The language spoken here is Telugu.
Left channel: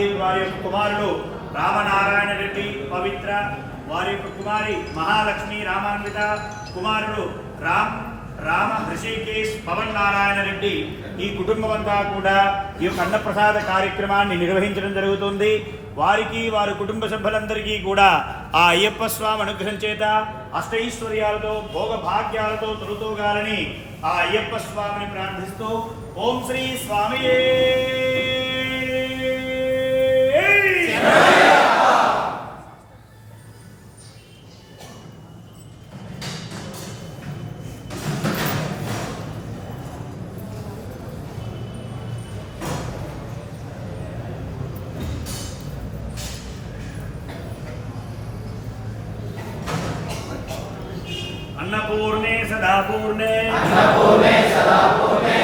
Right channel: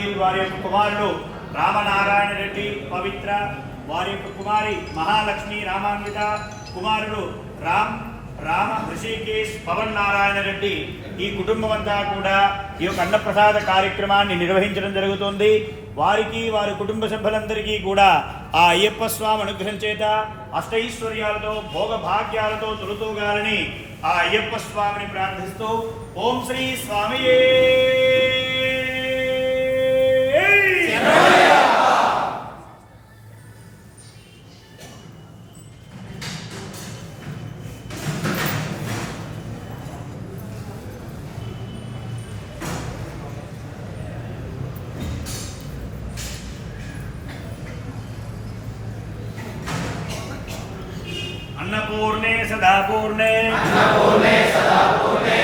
పటేల్ వారి యొక్క కుమారుడు రామనారాయణ రెడ్డి పవిత్ర, వారి యొక్క కుమారి మహాలక్ష్మి రామాన్విత, కుమారుడు రామ ఋషికేశ్ పవన్ నారాయణ రెడ్డి, ఈ కుటుంబం అంతా కూడా ఈ యొక్క అన్నప్రసాద కార్యక్రమాన్ని నిర్వహించడం జరుగుతుంది. వారికి వారి కుటుంబ సభ్యులందరికీ కూడా ఆ అయ్యప్ప స్వామి అనుగ్రహం చేత అష్టైశ్వర్యాలతో భోగ భాగ్యాలతో తొలుతూగాలని ఆ అయ్యప్ప స్వామిని ప్రార్థిస్తూ ఓం శ్రీ స్వామియే अन्नपूर्णे सदा पूर्णे